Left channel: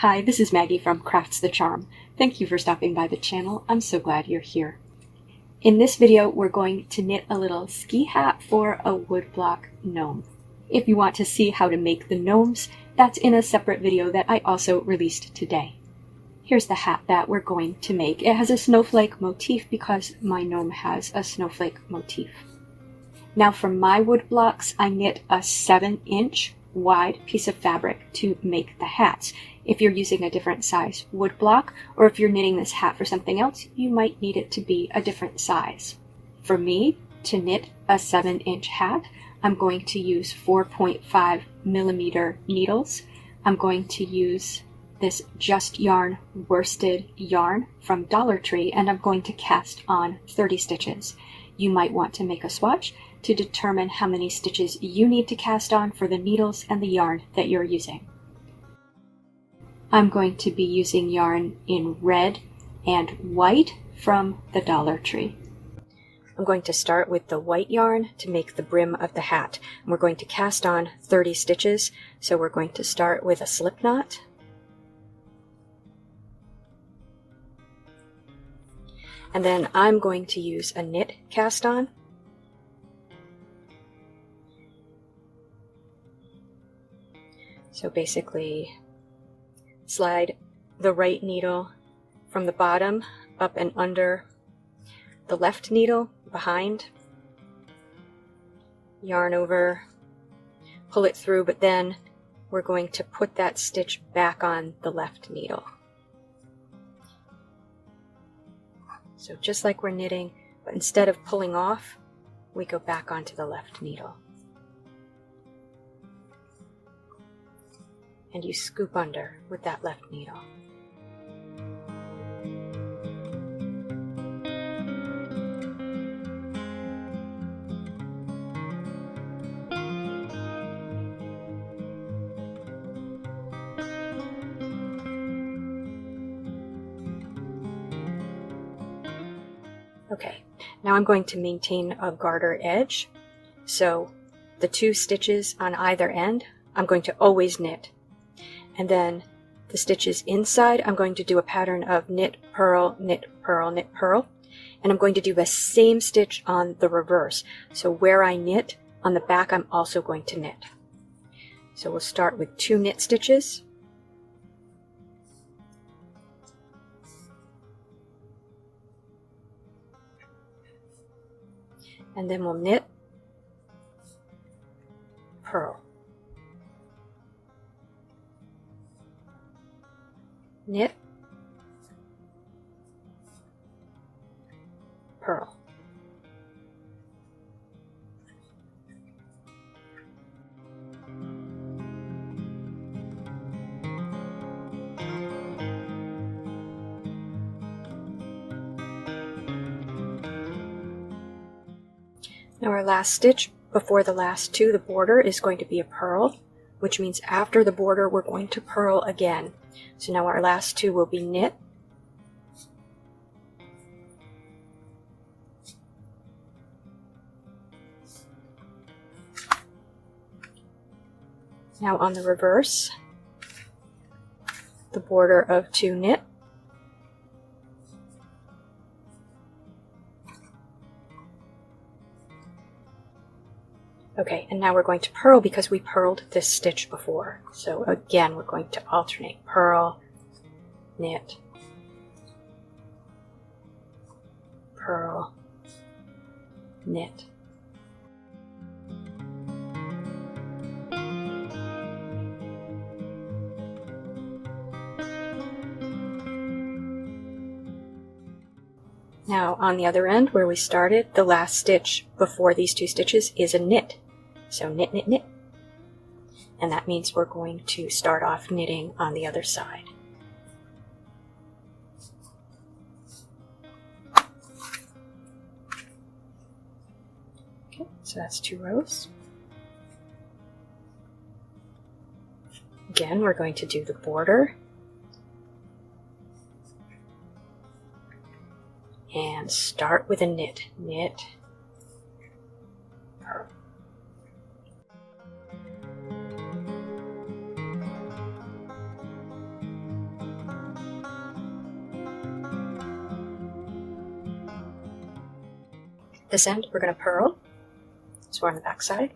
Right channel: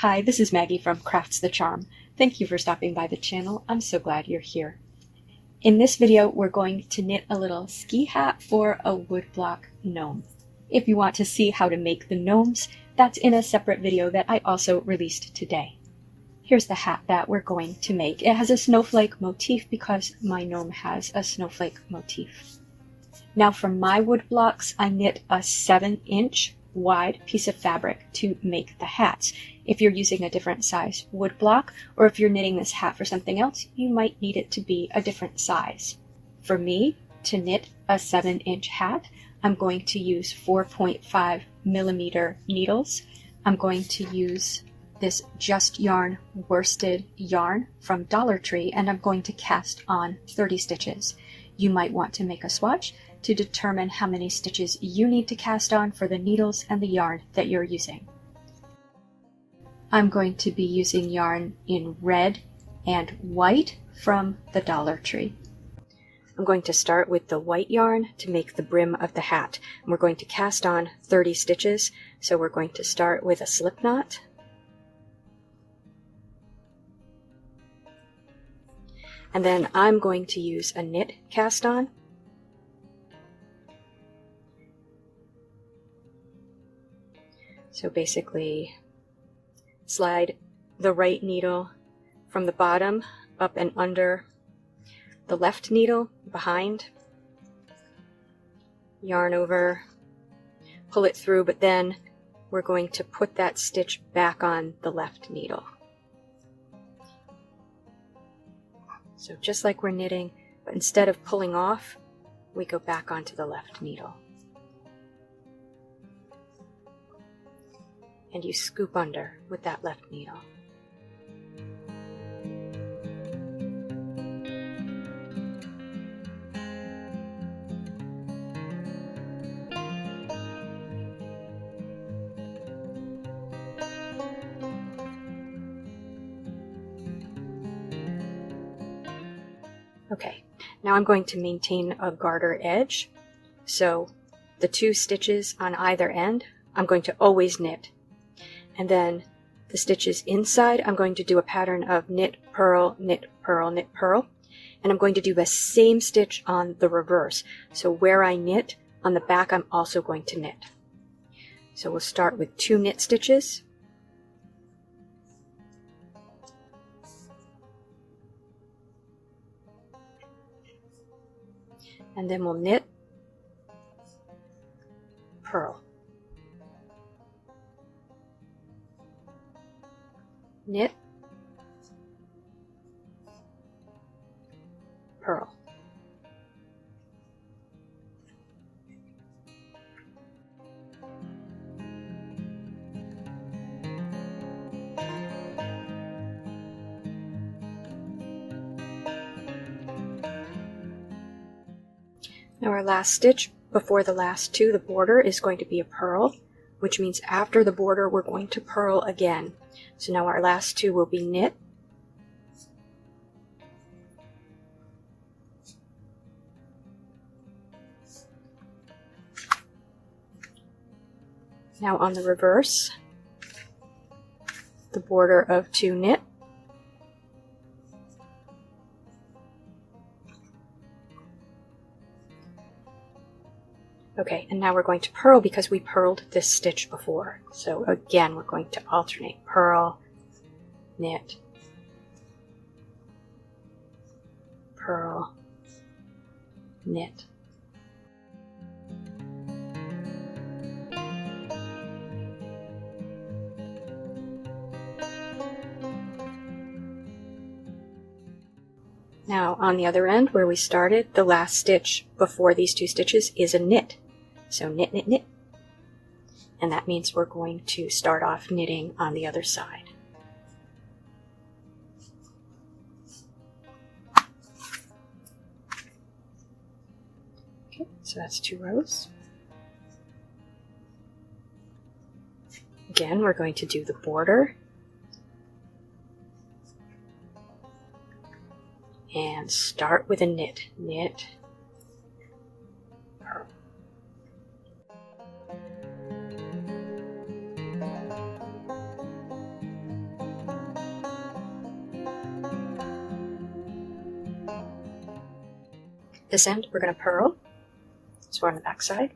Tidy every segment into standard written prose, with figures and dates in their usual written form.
Hi, this is Maggie from Crafts the Charm. Thank you for stopping by the channel. I'm so glad you're here. In this video, we're going to knit a little ski hat for a woodblock gnome. If you want to see how to make the gnomes, that's in a separate video that I also released today. Here's the hat that we're going to make. It has a snowflake motif because my gnome has a snowflake motif. Now for my wood blocks, I knit a 7-inch wide piece of fabric to make the hats. If you're using a different size wood block, or if you're knitting this hat for something else, you might need it to be a different size. For me, to knit a 7-inch hat, I'm going to use 4.5 millimeter needles. I'm going to use this Just Yarn worsted yarn from Dollar Tree, and I'm going to cast on 30 stitches. You might want to make a swatch to determine how many stitches you need to cast on for the needles and the yarn that you're using. I'm going to be using yarn in red and white from the Dollar Tree. I'm going to start with the white yarn to make the brim of the hat. We're going to cast on 30 stitches, so we're going to start with a slip knot. And then I'm going to use a knit cast on. So basically, slide the right needle from the bottom up and under the left needle behind, yarn over, pull it through, but then we're going to put that stitch back on the left needle. So just like we're knitting, but instead of pulling off, we go back onto the left needle. And you scoop under with that left needle. Okay, now I'm going to maintain a garter edge. So the 2 stitches on either end, I'm going to always knit. And then the stitches inside, I'm going to do a pattern of knit, purl, knit, purl, knit, purl. And I'm going to do the same stitch on the reverse. So where I knit, on the back, I'm also going to knit. So we'll start with 2 knit stitches. And then we'll knit, purl. Knit, purl. Now our last stitch before the last 2, the border, is going to be a purl, which means after the border we're going to purl again. So now our last 2 will be knit, now on the reverse, the border of 2 knit, okay, and now we're going to purl because we purled this stitch before. So again, we're going to alternate purl, knit, purl, knit. Now on the other end where we started, the last stitch before these 2 stitches is a knit. So knit, knit, knit. And that means we're going to start off knitting on the other side. Okay, so that's 2 rows. Again, we're going to do the border. And start with a knit, knit, purl. This end we're going to purl, so on the back side,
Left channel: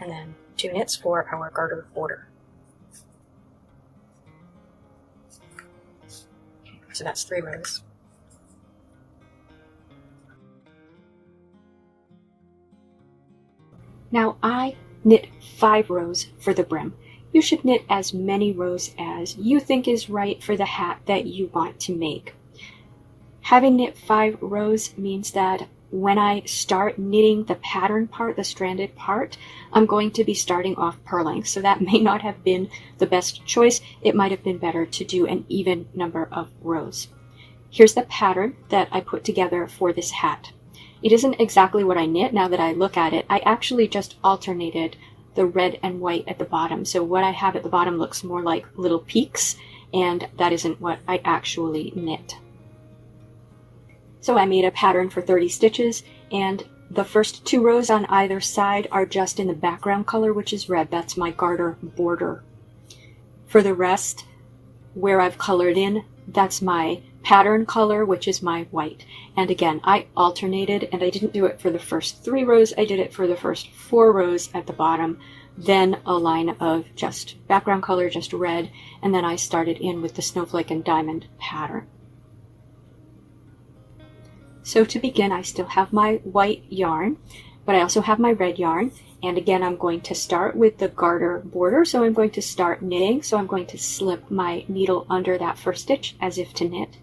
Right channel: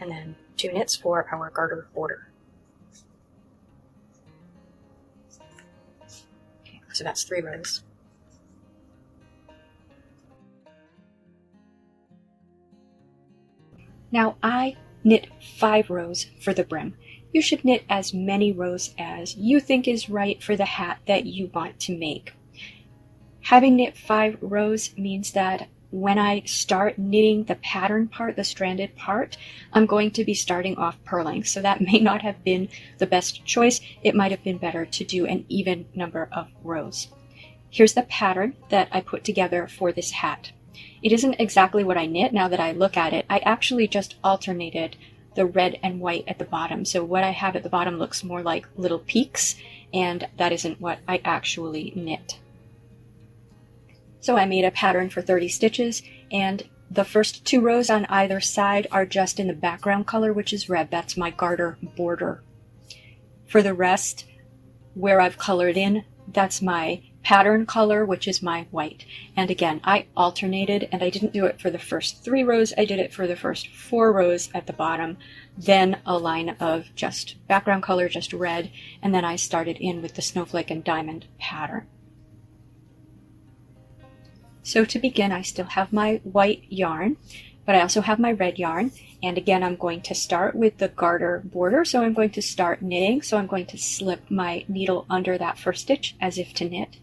and then 2 knits for our garter border. Okay, so that's 3 rows. Now I knit 5 rows for the brim. You should knit as many rows as you think is right for the hat that you want to make. Having knit 5 rows means that when I start knitting the pattern part, the stranded part, I'm going to be starting off purling. So that may not have been the best choice. It might have been better to do an even number of rows. Here's the pattern that I put together for this hat. It isn't exactly what I knit now that I look at it. I actually just alternated the red and white at the bottom. So what I have at the bottom looks more like little peaks, and that isn't what I actually knit. So I made a pattern for 30 stitches, and the first 2 rows on either side are just in the background color, which is red. That's my garter border. For the rest, where I've colored in, that's my pattern color, which is my white. And again, I alternated, and I didn't do it for the first 3 rows. I did it for the first 4 rows at the bottom, then a line of just background color, just red, and then I started in with the snowflake and diamond pattern. So to begin, I still have my white yarn, but I also have my red yarn. And again, I'm going to start with the garter border. So I'm going to start knitting. So I'm going to slip my needle under that first stitch as if to knit.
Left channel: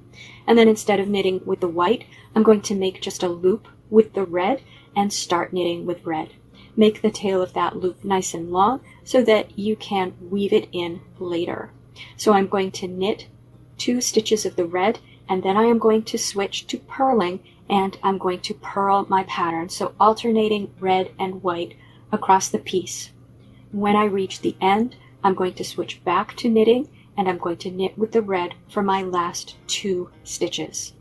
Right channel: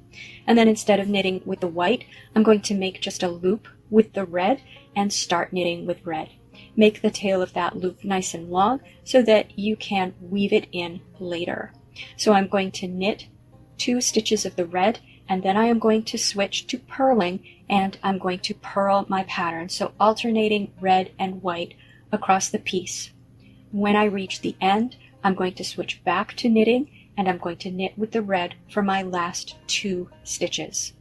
And then instead of knitting with the white, I'm going to make just a loop with the red and start knitting with red. Make the tail of that loop nice and long so that you can weave it in later. So I'm going to knit 2 stitches of the red, and then I am going to switch to purling, and I'm going to purl my pattern. So alternating red and white across the piece. When I reach the end, I'm going to switch back to knitting, and I'm going to knit with the red for my last 2 stitches.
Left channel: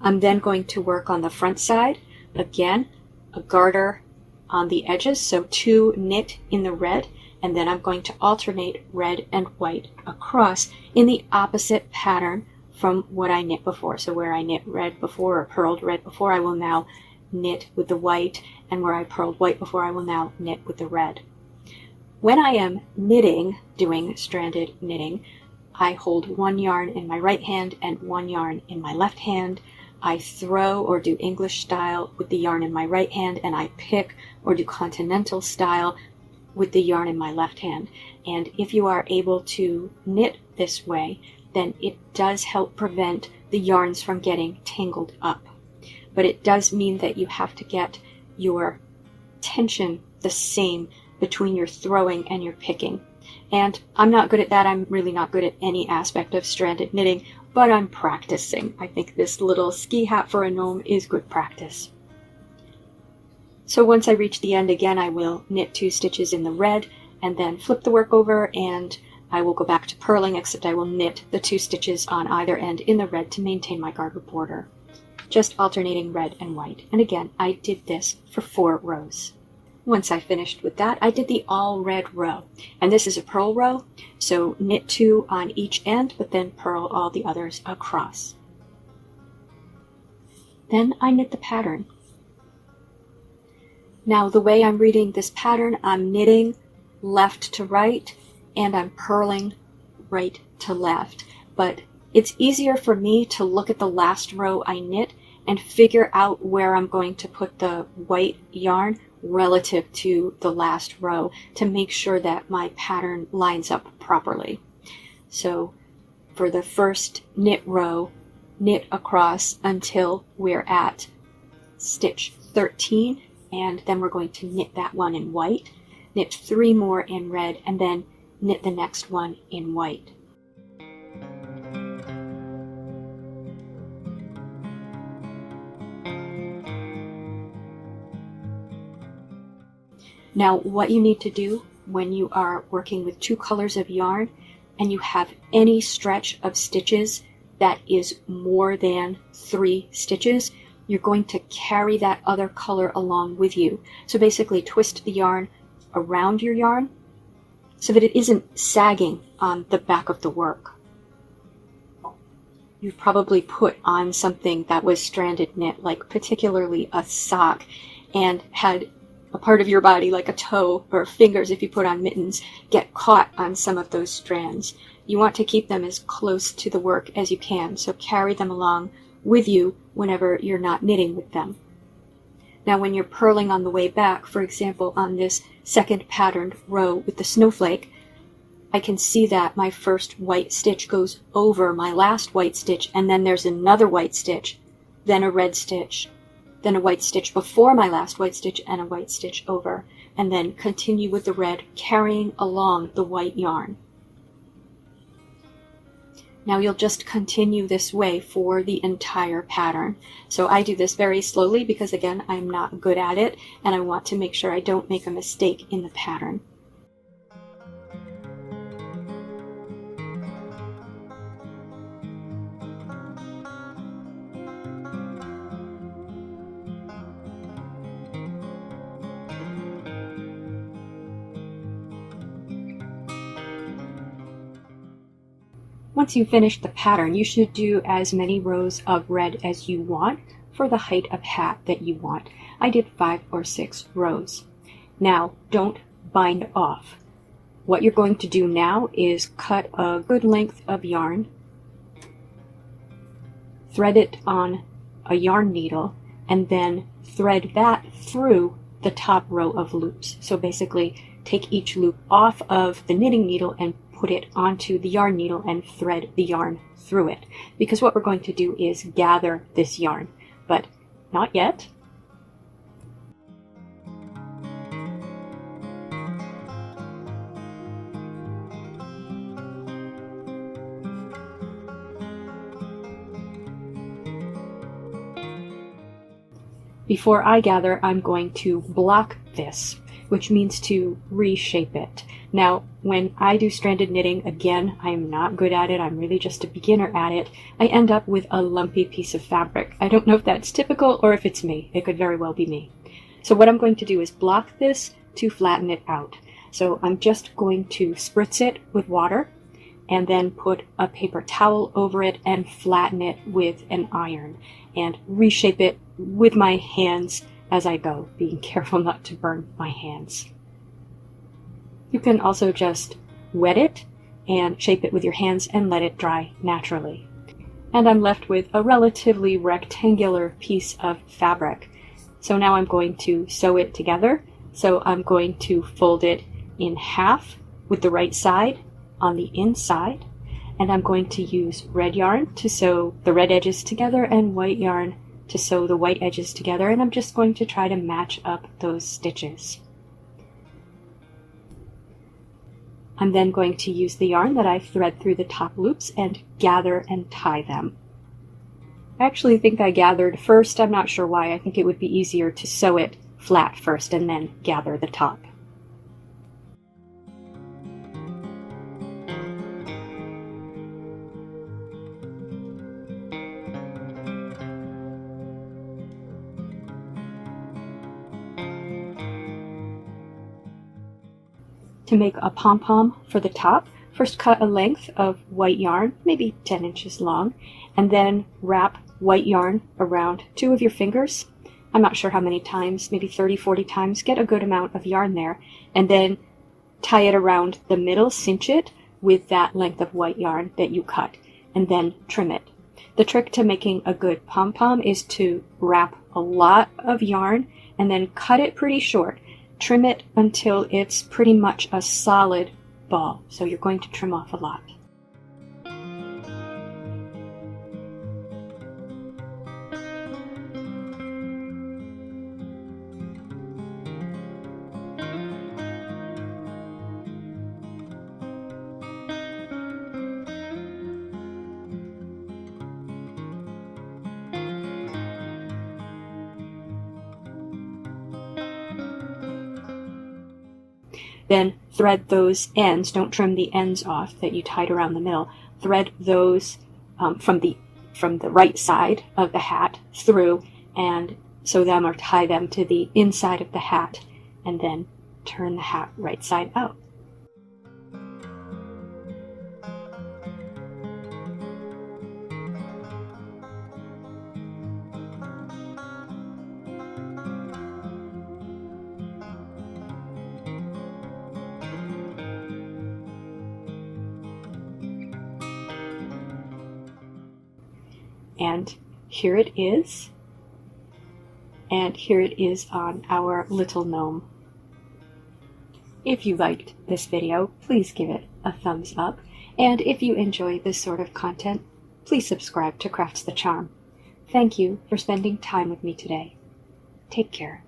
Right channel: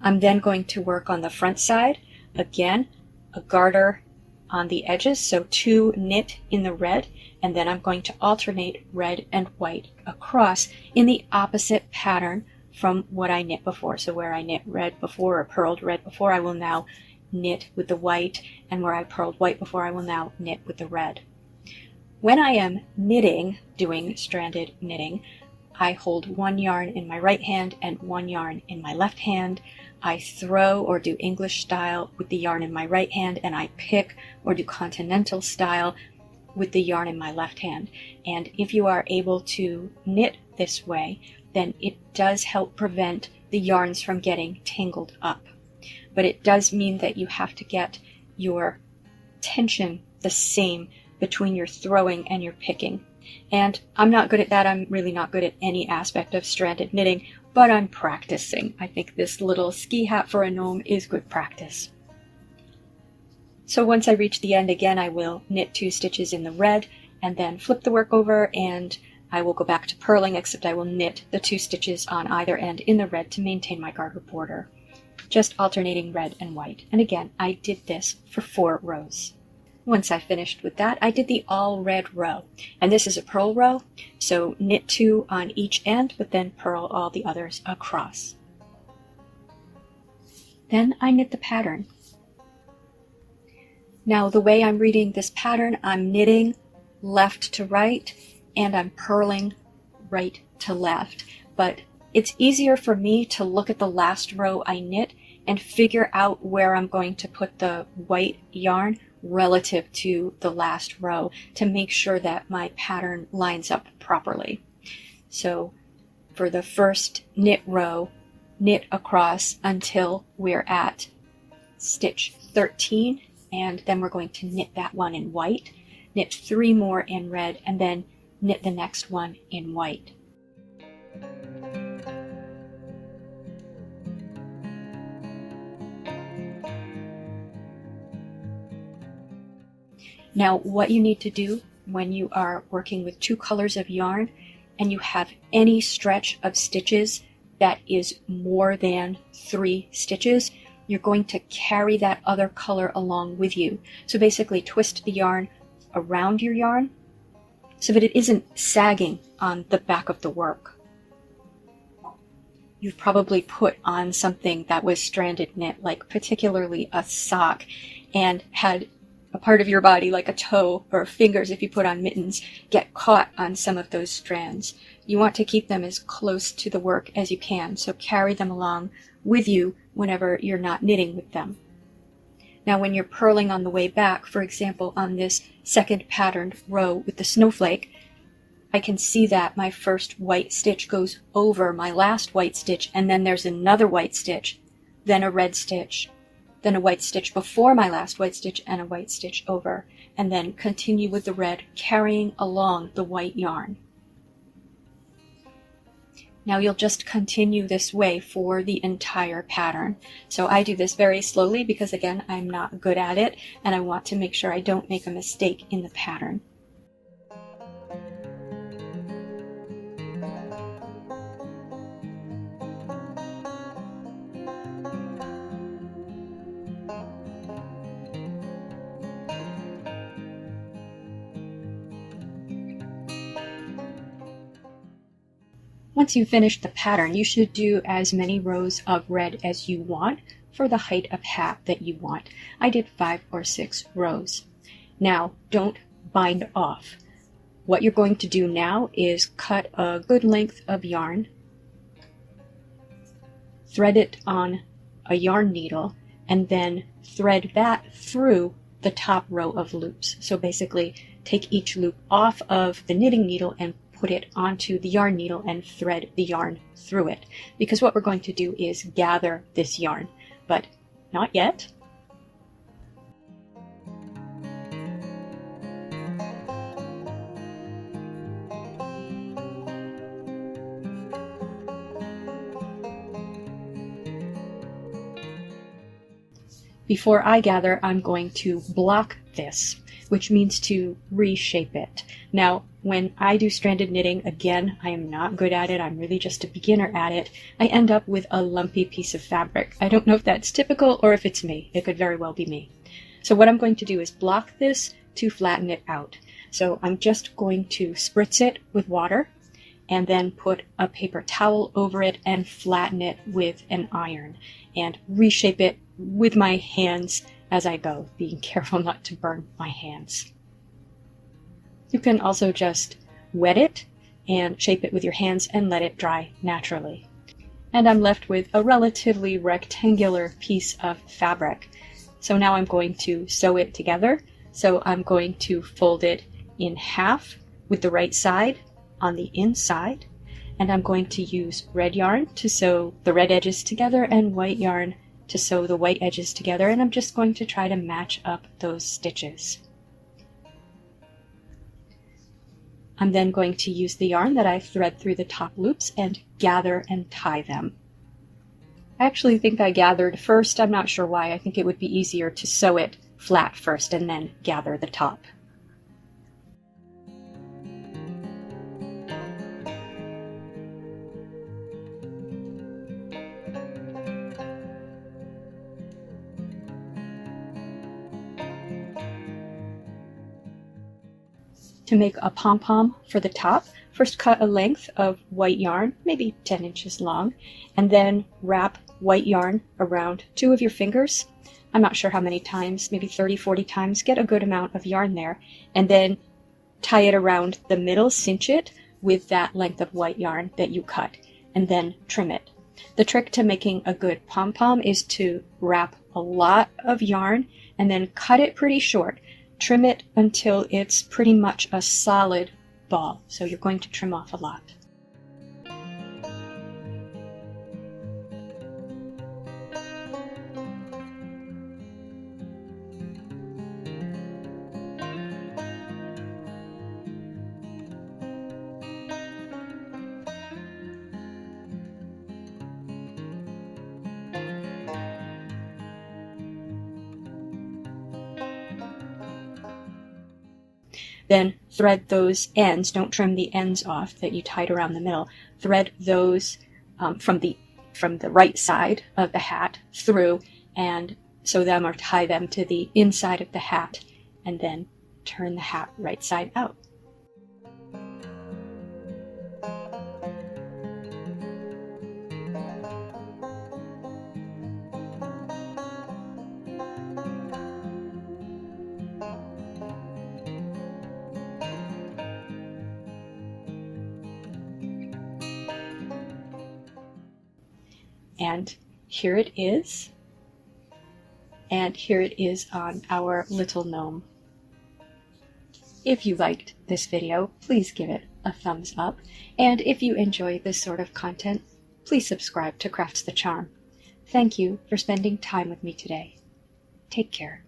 I'm then going to work on the front side. Again, a garter on the edges, so 2 knit in the red, and then I'm going to alternate red and white across in the opposite pattern from what I knit before. So where I knit red before, or purled red before, I will now knit with the white, and where I purled white before, I will now knit with the red. When I am knitting, doing stranded knitting, I hold 1 yarn in my right hand and 1 yarn in my left hand. I throw or do English style with the yarn in my right hand, and I pick or do continental style with the yarn in my left hand. And if you are able to knit this way, then it does help prevent the yarns from getting tangled up. But it does mean that you have to get your tension the same between your throwing and your picking. And I'm not good at that. I'm really not good at any aspect of stranded knitting, but I'm practicing. I think this little ski hat for a gnome is good practice. So once I reach the end again, I will knit 2 stitches in the red and then flip the work over, and I will go back to purling, except I will knit the 2 stitches on either end in the red to maintain my garter border. Just alternating red and white. And again, I did this for 4 rows. Once I finished with that, I did the all red row. And this is a purl row, so knit 2 on each end, but then purl all the others across. Then I knit the pattern. Now the way I'm reading this pattern, I'm knitting left to right, and I'm purling right to left. But it's easier for me to look at the last row I knit and figure out where I'm going to put the white yarn relative to the last row to make sure that my pattern lines up properly. So for the first knit row, knit across until we're at stitch 13, and then we're going to knit that one in white, knit 3 more in red, and then knit the next one in white. Now, what you need to do when you are working with 2 colors of yarn and you have any stretch of stitches that is more than 3 stitches, you're going to carry that other color along with you. So basically twist the yarn around your yarn so that it isn't sagging on the back of the work. you've probably put on something that was stranded knit, like particularly a sock, and had a part of your body, like a toe or fingers if you put on mittens, get caught on some of those strands. You want to keep them as close to the work as you can, so carry them along with you whenever you're not knitting with them. Now when you're purling on the way back, for example on this second patterned row with the snowflake, I can see that my first white stitch goes over my last white stitch, and then there's another white stitch, then a red stitch, then a white stitch before my last white stitch, and a white stitch over, and then continue with the red, carrying along the white yarn. Now you'll just continue this way for the entire pattern. So I do this very slowly because again, I'm not good at it, and I want to make sure I don't make a mistake in the pattern. Once you've finished the pattern, you should do as many rows of red as you want for the height of hat that you want. I did 5 or 6 rows. Now, don't bind off. What you're going to do now is cut a good length of yarn, thread it on a yarn needle, and then thread that through the top row of loops. So basically, take each loop off of the knitting needle and put it onto the yarn needle and thread the yarn through it. Because what we're going to do is gather this yarn, but not yet. Before I gather, I'm going to block this, which means to reshape it. Now, when I do stranded knitting, again, I am not good at it. I'm really just a beginner at it. I end up with a lumpy piece of fabric. I don't know if that's typical or if it's me. It could very well be me. So what I'm going to do is block this to flatten it out. So I'm just going to spritz it with water and then put a paper towel over it and flatten it with an iron and reshape it with my hands as I go, being careful not to burn my hands. You can also just wet it and shape it with your hands and let it dry naturally. And I'm left with a relatively rectangular piece of fabric. So now I'm going to sew it together. So I'm going to fold it in half with the right side on the inside, and I'm going to use red yarn to sew the red edges together and white yarn to sew the white edges together, and I'm just going to try to match up those stitches. I'm then going to use the yarn that I thread through the top loops and gather and tie them. I actually think I gathered first. I'm not sure why. I think it would be easier to sew it flat first and then gather the top. To make a pom-pom for the top, first cut a length of white yarn, maybe 10 inches long, and then wrap white yarn around 2 of your fingers. I'm not sure how many times, maybe 30, 40 times. Get a good amount of yarn there, and then tie it around the middle, cinch it with that length of white yarn that you cut, and then trim it. The trick to making a good pom-pom is to wrap a lot of yarn and then cut it pretty short. Trim it until it's pretty much a solid ball. So you're going to trim off a lot. Then thread those ends, don't trim the ends off that you tied around the middle, thread those from the right side of the hat through and sew them or tie them to the inside of the hat, and then turn the hat right side out. And here it is. And here it is on our little gnome. If you liked this video, please give it a thumbs up. And if you enjoy this sort of content, please subscribe to Crafts the Charm. Thank you for spending time with me today. Take care.